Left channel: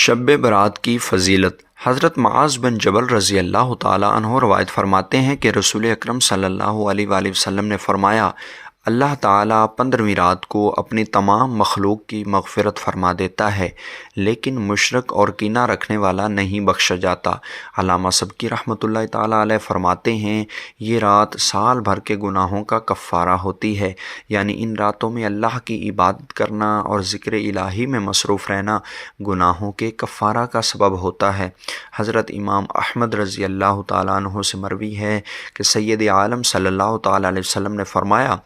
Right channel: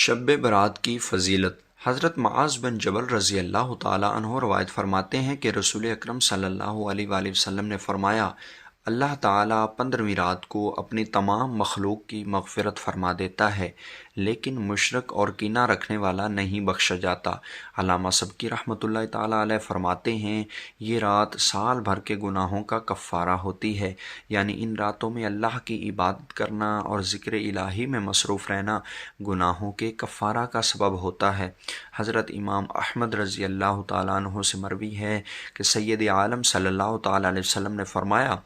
شب برات کی فضیلت۔ حضرت معاذ بن جبل رضی اللہ تعالیٰ عنہ روایت فرماتے ہیں کہ رسول اکرم صلی اللہ علیہ وآلہ وسلم نے فرمایا، اللہ تعالیٰ 15ویں رات کو اپنی تمام مخلوق کی مغفرت فرما دیتا ہے، لیکن مشرک اور کینہ رکھنے والا نہیں بخشا جاتا۔ علامہ سبکی رحمۃ اللہ تعالیٰ علیہ فرماتے ہیں، یہ رات سال بھر کے گناہوں کا کفارہ ہوتی ہے، یعنی ان راتوں میں اللہ کی عبادت کرنا اور ذکر الہی میں مصروف رہنا گناہوں کے کفارہ کا سبب ہوتا ہے۔ حضرت امام احمد رضی اللہ تعالیٰ عنہ سے مروی ہے کہ سید عالم صلی اللہ تعالیٰ علیہ وسلم نے فرمایا،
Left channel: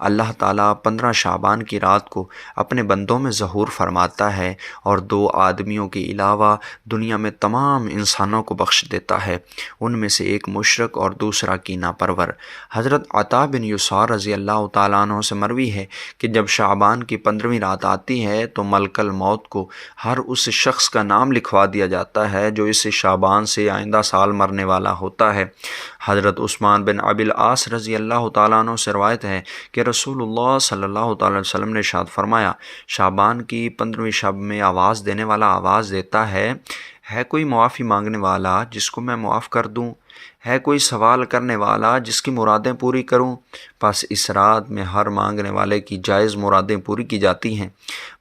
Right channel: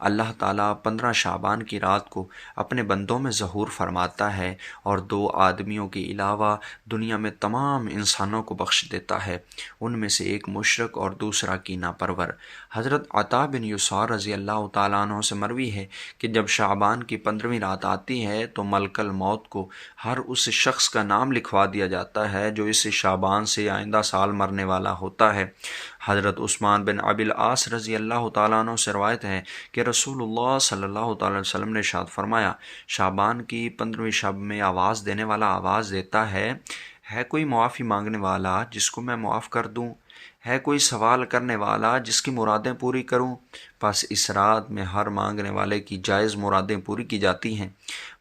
اللہ تعالیٰ 15 شعبان کی رات کو اپنے بندوں میں ظہور فرماتا ہے اور 2 آدمیوں کے علاوہ دنیا میں تمام انسانوں کو بخش دیتا ہے، ان میں سے ایک مشرک اور دوسرا کینہ پرور۔ حضرت عطا بن یسار رضی اللہ تعالیٰ عنہ سے مروی ہے کہ جب شعبان کی 15ویں رات آتی ہے تو ملک الموت کو ہر اس شخص کا نام لکھوا دیا جاتا ہے جو اس شعبان سے آئندہ سال مرنے والا ہوتا ہے۔ حضرت عثمان بن ابی العاص رضی اللہ تعالیٰ عنہ سے روایت ہے کہ رسول اللہ صلی اللہ تعالیٰ علیہ وسلم نے ارشاد فرمایا، شعبان کی 15ویں شب میں آواز دینے والا آواز دیتا ہے کوئی معافی مانگنے والا جس کو میں معاف کر دوں؟ ہے کوئی سوال کرنے والا جس کی مرادیں پوری کروں؟ پس اس رات میں ہر مانگنے والے کی جائز مرادیں پوری کی جاتی ہیں،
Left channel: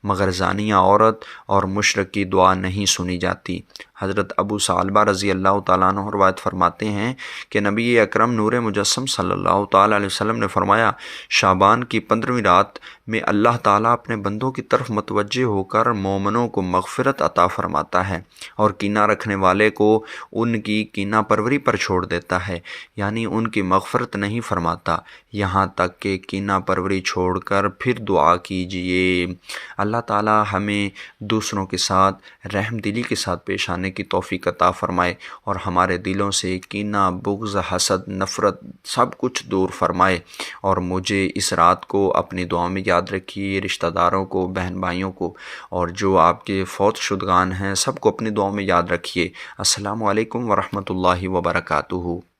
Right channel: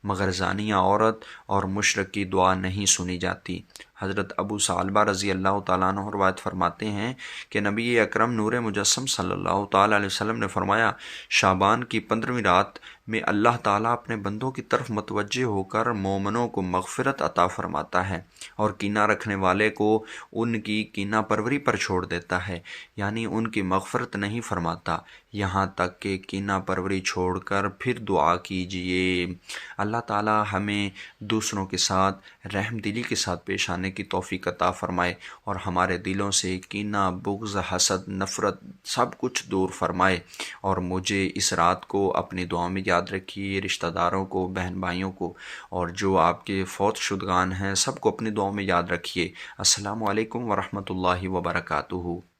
مگر زانیہ عورت اور مشرک کی دعا نہیں سنی جاتی۔ حضرت ابو ثعلبہ رضی اللہ تعالیٰ عنہ روایت فرماتے ہیں کہ نبی اکرم نور مجسم صلی اللہ تعالیٰ علیہ وسلم نے فرمایا، شعبان کی 15ویں رات میں اللہ تعالیٰ اپنے بندوں کی طرف متوجہ ہو کر مومنوں کو مغفرت عطا فرماتا ہے اور کینہ رکھنے والے کو ان کی کینہ پروری پر چھوڑ دیتا ہے، یعنی ان کی مغفرت نہیں فرماتا یہاں تک کہ کینہ پروری چھوڑ کر پھر دعا کیجیے۔ اللہ تعالیٰ ہمیں دوسروں کے ساتھ رحم دلی کے ساتھ پیش آنے کی توفیق عطا فرمائے اور ہمارے دلوں سے کینہ، بغض، حسد، نفرت سب کچھ دور فرمائے، اور مجھے اس رات کو اپنی دعا میں یاد رکھیے، رشتہ داروں کو، بہن بھائیوں کو، اور جو آپ کے فوت شدگان ہیں سب کو اپنی دعا میں یاد رکھیے۔ السلام علیکم ورحمۃ اللہ وبرکاتہ۔